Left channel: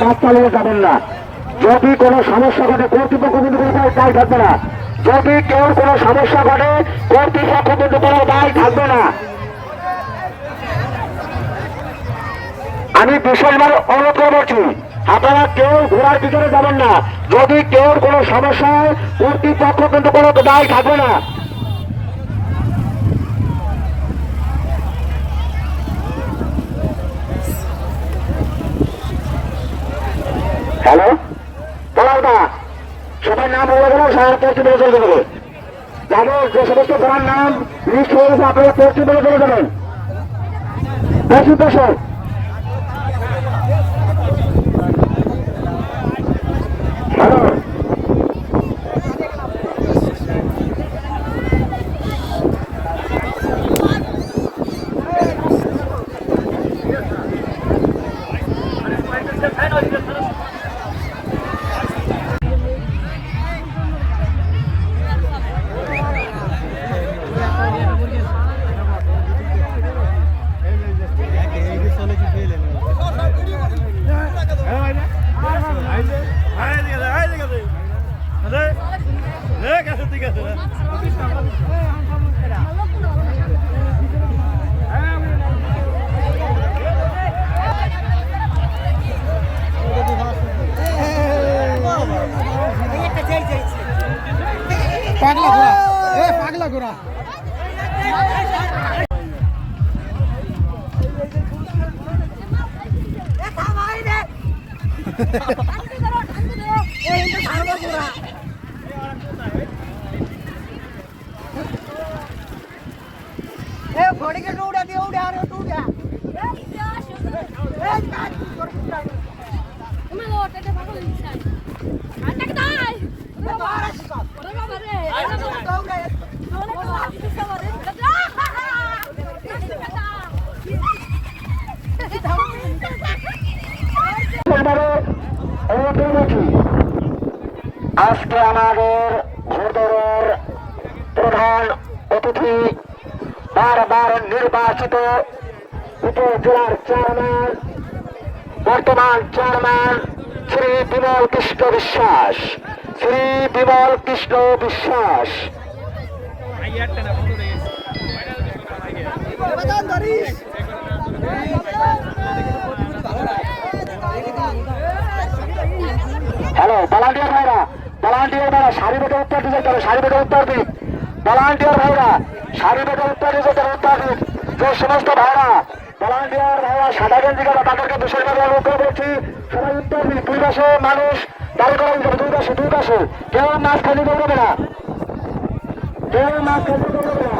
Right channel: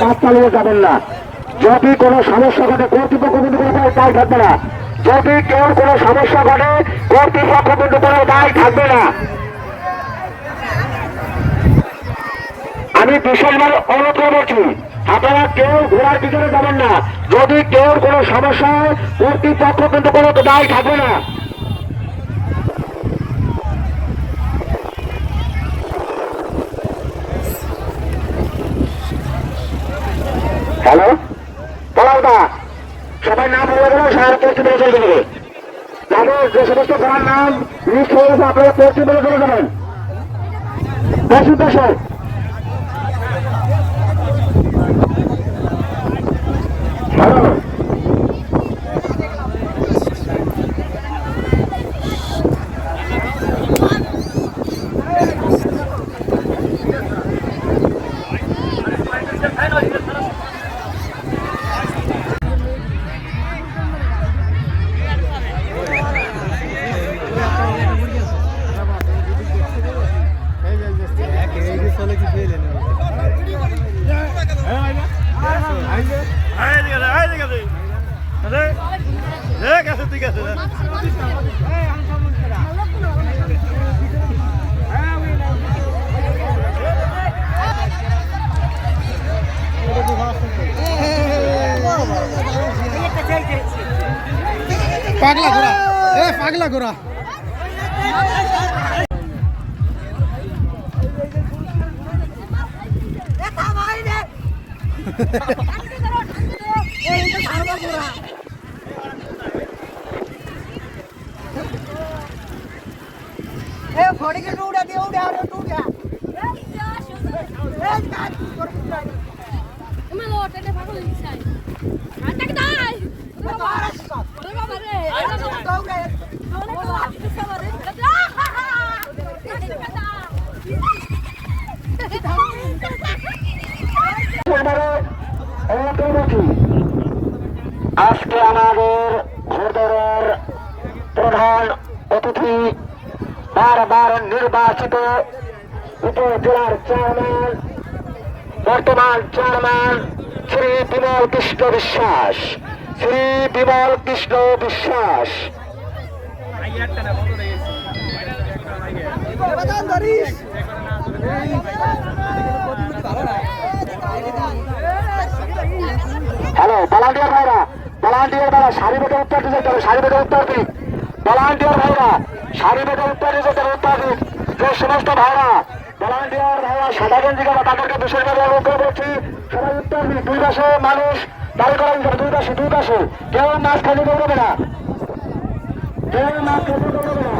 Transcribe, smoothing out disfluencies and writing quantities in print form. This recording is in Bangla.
কাজ চালিয়ে যাবেন না। যদি কোনো সমস্যা ঘটে কর্তৃপক্ষ কিন্তু কোনো দায় থাকবে না। যদি কেউ কোনো সমস্যা ঘটে কর্তৃপক্ষ কিন্তু কোনো দায় থাকবে না। আমি বিশেষভাবে অনুরোধ করছি আপনারা কেউ ঘোড়ার পিছনে যাবেন না। যদি কেউ কোনো সমস্যা হয় কর্তৃপক্ষ কিন্তু কোনো দায় থাকবে না। হ্যালো বলাদা, সবার নাম বলে গেল, সবার কর্তৃপক্ষ চলে যাবে। তাদের যে সমস্ত ঘোড়ার নাম লিস্ট হয়ে গেছে আপনারা কর্তৃপক্ষ চলে যাবেন। বেশি পেশার হ্যালো পাগলা ঘোড়া, এ পাগলা ঘোড়া। আজকে আমাদের ঘোড়দৌড়ের প্রধান অতিথি বারবার নির্বাচিত উপজেলার চেয়ারম্যান, বর্তমান চেয়ারম্যান শ্রী বিমল কৃষ্ণ বিশ্বাস। শ্রী বিমল কৃষ্ণ বিশ্বাস হ্যালো ভলান্টিয়ার ভাইরা, ভলান্টিয়ার ভাইরা সারি বেটে উত্তর দিতে হবে, সারি বেটে উত্তর দিন। ভলান্টিয়ার ভাইরা সারি বেটে উত্তর দিতে হবে, উত্তর দিন। যে সমস্ত ভাইরা ভলান্টিয়ার ভাইরা সাদা গেঞ্জি গাড়া তাদেরকে বিশেষভাবে অনুরোধ করছি সবাই উত্তর দিন। দুই পাশে মানুষ দাঁড়ি করা যাবে, দুই পাশে কেউ মাঝখানে দৌড়াবে না, কেউ মাঝখানে দৌড়াবে না।